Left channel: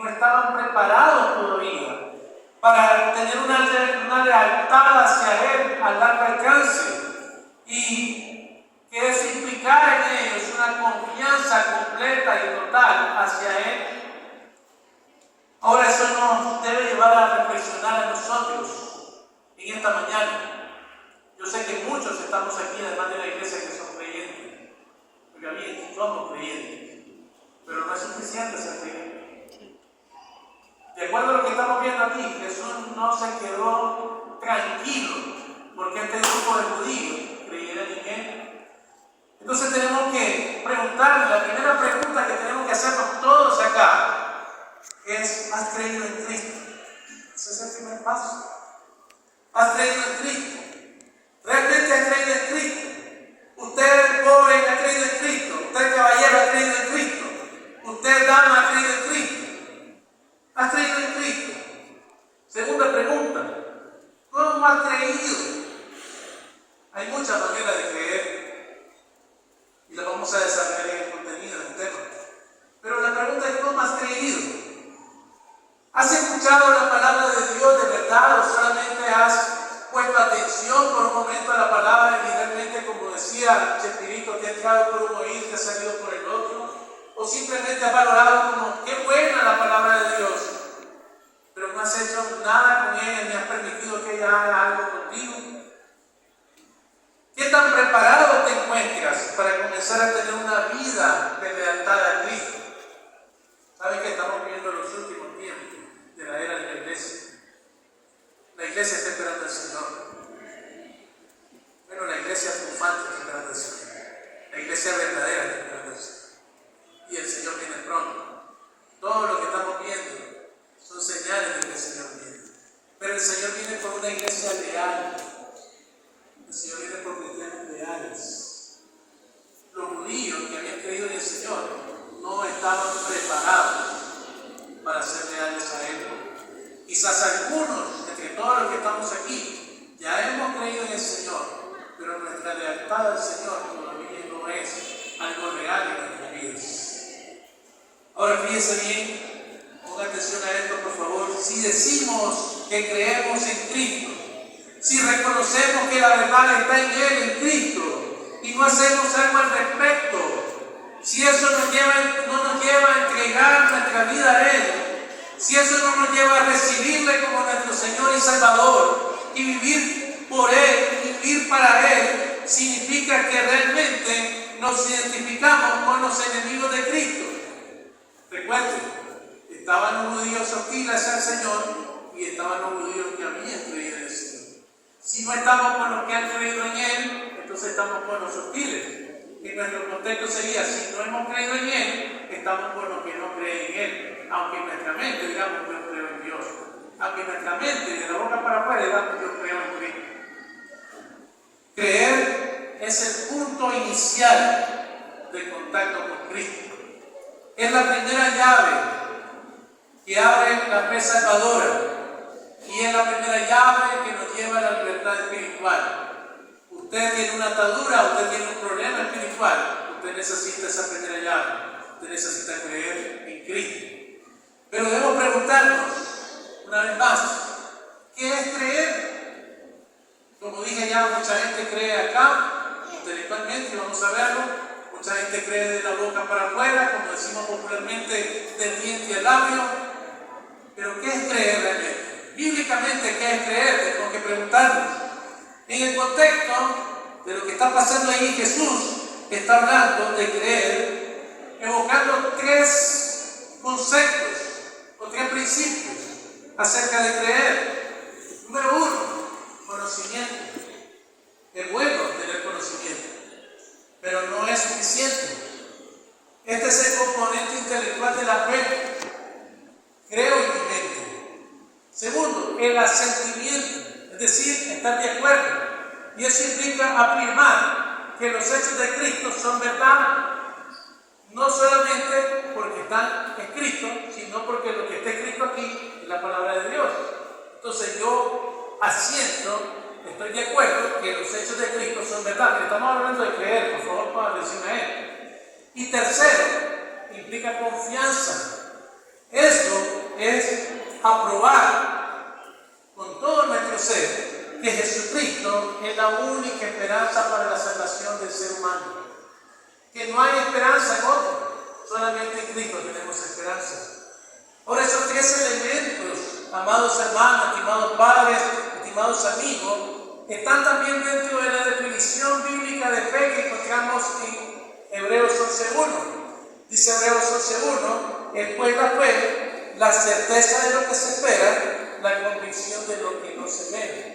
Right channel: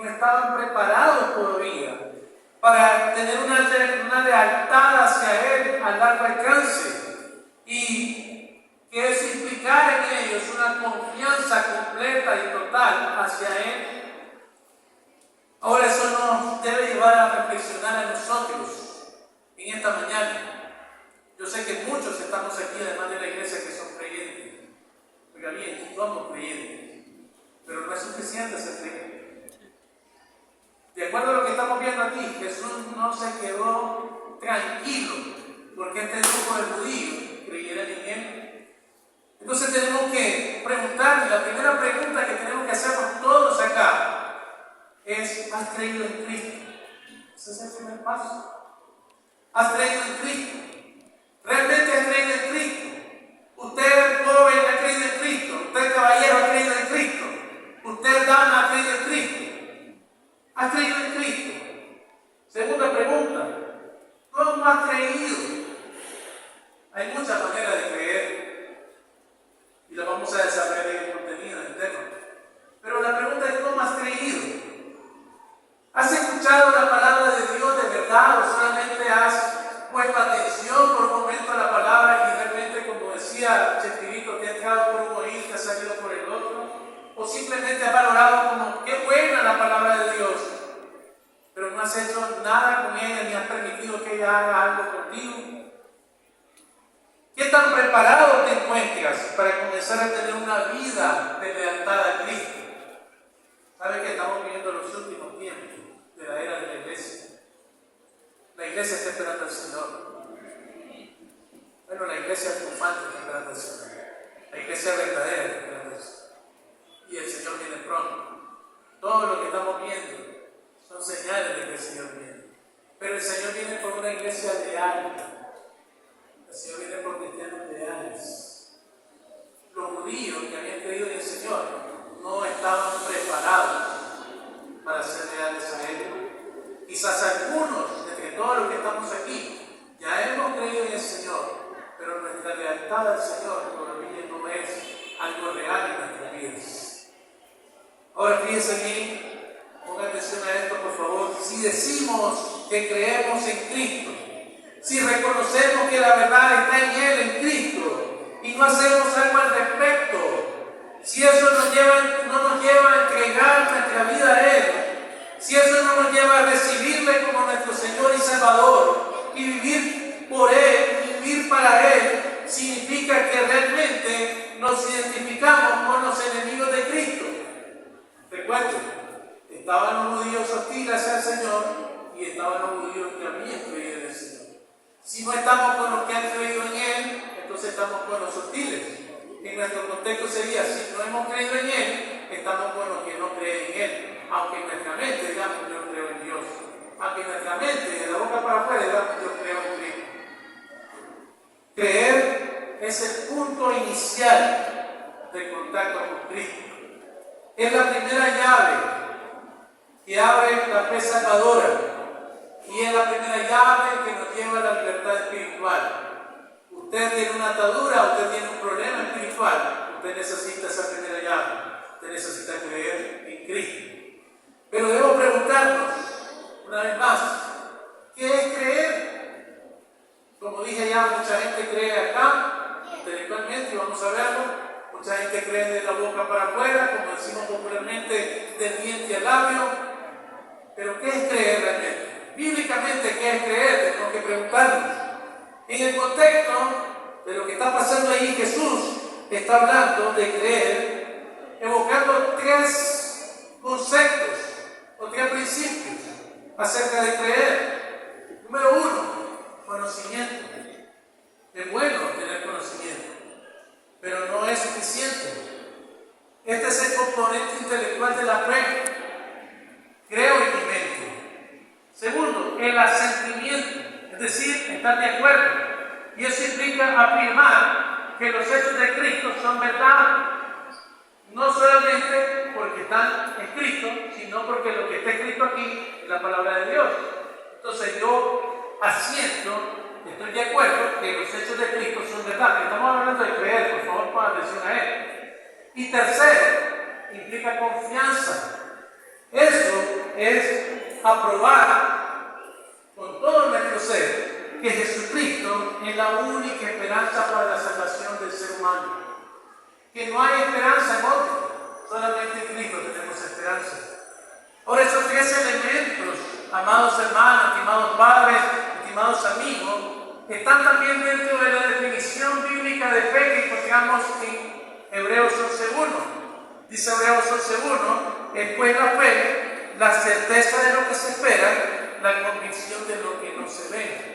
no estaban preparados todavía para tener una lealtad hacia Él a largo alcance, y que eso implicara en ellos una confianza completa y total hacia Él. Ahora, eso nos debe llevar a reflexionar en nosotros en esta mañana. Yo sé que muchos estamos aquí, además de la iglesia, que son creyentes. Oiga bien, somos creyentes, pero no es suficiente ser creyente. De acuerdo a lo que estamos viendo aquí, Jesús no se quedó tranquilo porque este grupo de judíos creyeran en Él. Entonces tenemos que preguntarle, la primera pregunta que tenemos que hacernos todos acá es: ¿has creído en Cristo? Ese es el primer paso. ¿Has creído en Cristo? ¿Realmente has creído en Cristo? Usted, joven, ha creído en Cristo. Usted, caballero, ha creído en Cristo. Usted, dama, ha creído en Cristo. ¿Has creído en Cristo? Segunda pregunta: ¿cómo has creído? Hay muchas maneras de creer y las vamos a desarrollar en el contenido del tema. Pero la pregunta es: ¿cómo has creído? ¿Has escuchado la palabra de Dios de verdad, o solamente has puesto atención por un momento a la palabra y realmente, como decía Chespirito, te ha entrado por un oído y te ha salido por el otro? ¿O simplemente has valorado como qué buena la palabra de Dios, pero no has hecho nada con ella ni has permitido que ella haga algo contigo? ¿Qué tan preparado te encuentras para comenzar a tener una vida de lealtad a Cristo? ¿Sabe que estamos viviendo los últimos tiempos de la era de la iglesia? La iglesia está esperando al Señor. Bueno, la iglesia triunfante está esperando al Señor. La iglesia verdadera está esperando al Señor. Y el Señor viene pronto. Todo lo que estamos viendo son señales de que el Señor viene. Pero el Señor viene por una iglesia leal. El Señor viene por cristianos leales. Los judíos que habían creído en el Señor no estaban preparados para ser leales a Él. Quizás algunos, entre todos los que estamos aquí, ya hemos creído en el Señor, pero nuestra lealtad al Señor todavía no es algo real en nuestras vidas. Ahora fíjense bien, pongan atención a esto por favor. Si decimos que creemos en Cristo, si reconocemos que la verdad está en Él, en Cristo, y no hacemos algo al respecto, si eso no nos lleva a entregar nuestra vida a Él, si eso no nos lleva a recibirle como nuestro Señor y Salvador y vivir por Él, y vivir para Él, significa que realmente nos identificamos con los enemigos de Cristo. Recuerden, estaban los judíos hostiles al Señor y estaban los judíos que habían creído en el Señor. Si no estamos con los que han creído en Él, entonces estamos con los hostiles. En nuestro contexto sería: si no hemos creído en Él, estamos con los que no creen en Él. Aunque en nuestra mente digamos: yo creo en Dios. Aunque en nuestra mente, de la boca para afuera, digamos: yo creo en Cristo. Creer es el punto inicial del contacto con Cristo. Es la primera llave que abre la fe salvadora. Y es la primera llave que nos lleva a la libertad espiritual. Usted tiene una atadura, usted tiene un problema espiritual, usted necesita esa primera llave. Usted necesita creer en Cristo. Pero debemos preguntarnos una vez más: ¿qué es creer? Como dije ya, mucha gente cree acá, intelectualmente, vamos a verlo. Mucha gente cree de la boca para afuera, como decimos popularmente, del diente al labio. Pero ¿qué es creer realmente? Bíblicamente, ¿qué es creer? Tenemos que preguntarnos. En el contexto de lo que está pasando ahí, Jesús está hablando de creer, evocando tres conceptos o tres principios acerca de creer. Número uno, conocimiento. Es bueno tener conocimiento, pero no es suficiente. Este es el componente intelectual de la fe. Creo en mi mente. Segundo, el asentimiento, es decir, estar de acuerdo. Y eso implica afirmar que los hechos de Cristo son verdad, no solamente porque están escritos, sino porque lo que está escrito aquí es la palabra de Dios. Entonces yo asiento, estoy de acuerdo que los hechos de Cristo son verdad. Pero estamos hablando de creer, por favor, pongan atención a él. Y tercero, implica confianza. aprobar con todo nuestro ser que Jesucristo es la única esperanza para la salvación del ser humano. Que no hay esperanza en otro, solamente en Cristo tenemos esperanza. Por esos tres elementos, amados hermanos, estimados padres, estimados amigos, están también dentro de la definición bíblica de fe que encontramos en Hebreos 11.1. Dice Hebreos 11.1, es pues la fe, la certeza de lo que se espera, la convicción de lo que no se ve.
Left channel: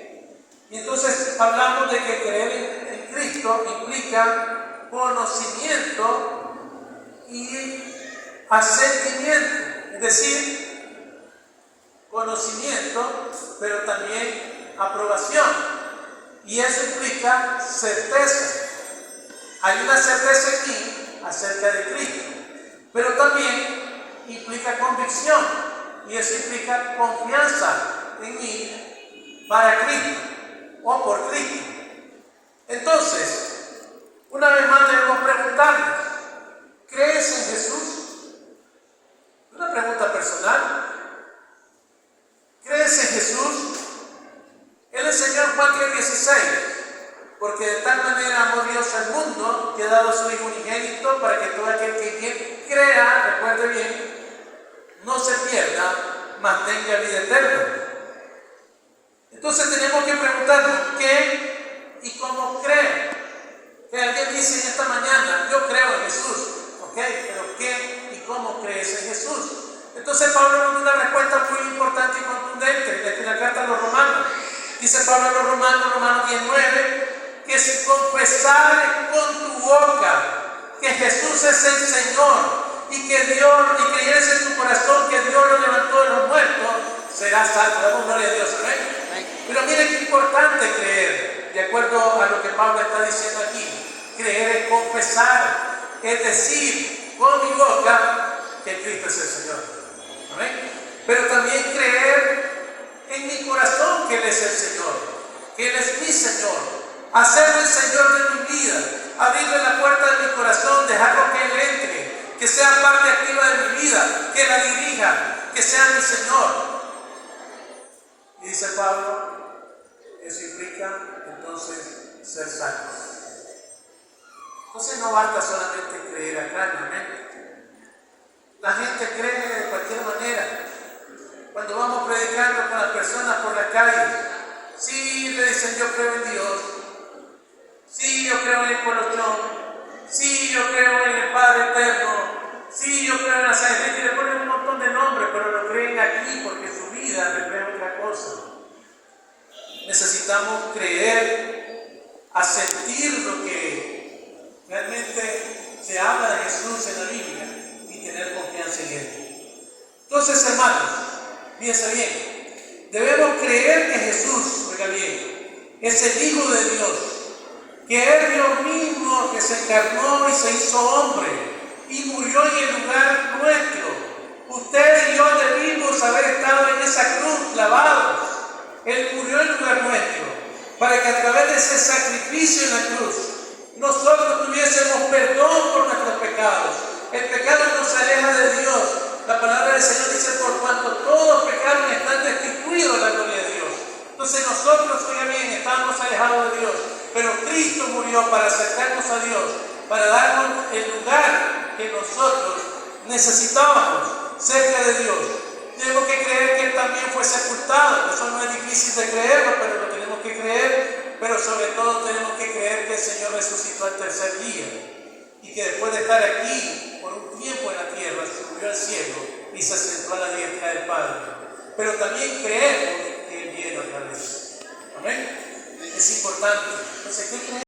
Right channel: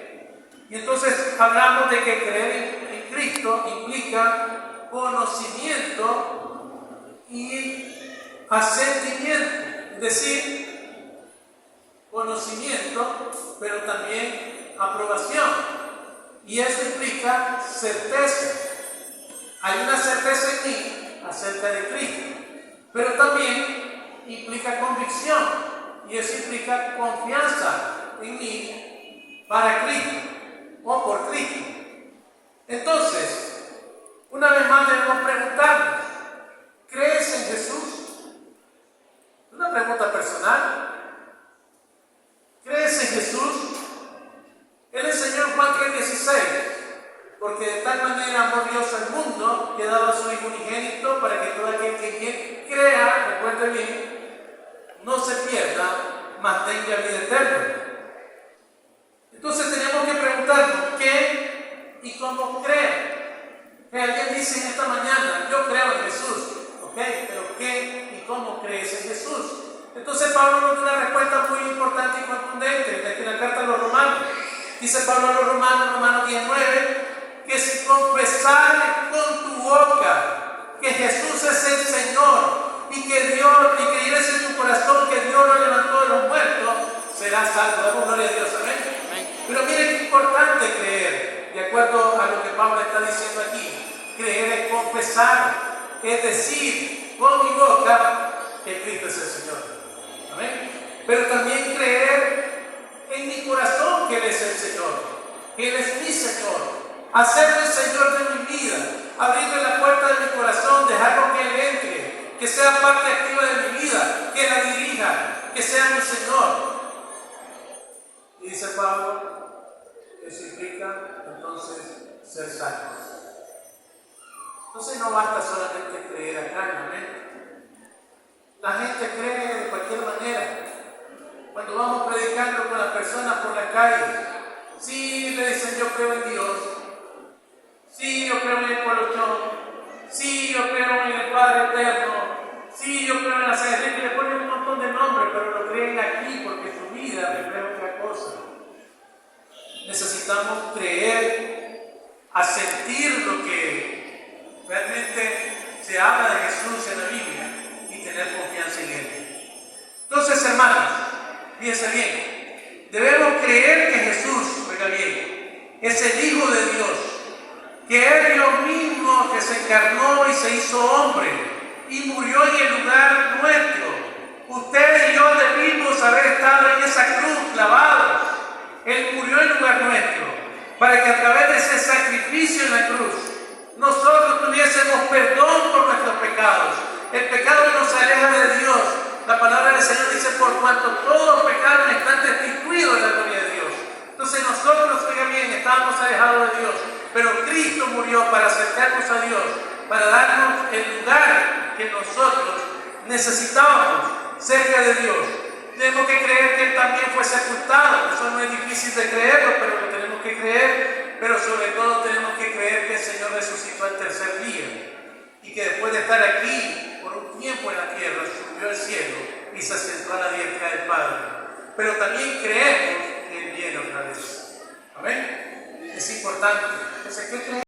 Y entonces hablamos de que creer en Cristo implica conocimiento y asentimiento. Es decir, conocimiento, pero también aprobación. Y eso implica certeza. Hay una certeza en mí acerca de Cristo, pero también implica convicción. Y eso implica confianza en mí para Cristo o por Cristo. Entonces, una vez más debemos preguntarnos, ¿crees en Jesús? Una pregunta personal. ¿Crees en Jesús? Él enseñó en Juan 3:16, porque de tal manera amó Dios al mundo que ha dado a su Hijo unigénito para que todo aquel que crea, recuerde bien, no se pierda, mas tenga vida eterna. Entonces tenemos que preguntarnos qué y cómo creo. Que alguien dice en esta mañana, yo creo en Jesús, ¿ok? Pero ¿qué y cómo crees en Jesús? Entonces Pablo nos da una respuesta muy importante y contundente en la carta a los Romanos. Dice Pablo a los Romanos, Romanos 10:9, que si confesares con tu boca que Jesús es el Señor y que creyeres en tu corazón que Dios lo levantó de los muertos, serás salvo. Damos gloria a Dios, amén. Pero miren qué importante creer, de acuerdo a lo que Pablo está diciendo aquí. Creer es confesar, es decir, con mi boca que Cristo es el Señor. Amén. Pero también creer en mi corazón que Él es el Señor, que Él es mi Señor, hacerlo el Señor de mi vida, abrirle la puerta de mi corazón, dejarlo que Él entre, que sea parte activa de mi vida, que la dirija, que sea mi Señor. Y dice Pablo, eso implica entonces ser salvos. Entonces no basta solamente creer acá, amén. La gente cree de cualquier manera. Cuando vamos predicando con las personas por la calle, sí le dicen yo creo en Dios, sí yo creo en el colochón, sí yo creo en el Padre Eterno, sí yo creo en la Santa Iglesia, y le ponen un montón de nombres, pero lo creen aquí porque su vida refleja otra cosa. Necesitamos creer, a sentir lo que realmente se habla de Jesús en la Biblia y tener confianza en Él. Entonces, hermanos, fíjense bien, debemos creer que Jesús, oiga bien, es el Hijo de Dios, que es Dios mismo que se encarnó y se hizo hombre y murió en el lugar nuestro. Usted y yo debimos haber estado en esa cruz clavados. Él murió en lugar nuestro, para que a través de ese sacrificio en la cruz, nosotros tuviésemos perdón por nuestros pecados. El pecado nos aleja de Dios. La palabra del Señor dice, por cuanto todos pecaron, están destituidos de la gloria de Dios. Entonces nosotros, oiga bien, estábamos alejados de Dios, pero Cristo murió para acercarnos a Dios, para darnos el lugar que nosotros necesitábamos cerca de Dios. Tenemos que creer que Él también fue sepultado. Eso no es difícil de creerlo, pero lo tenemos que creer. Pero sobre todo tenemos que creer que el Señor resucitó al tercer día y que después de estar aquí por un tiempo en la tierra, subió al cielo y se sentó a la diestra del Padre. Pero también creemos que Él viene otra vez. Amén. Es importante. Entonces, ¿qué creemos?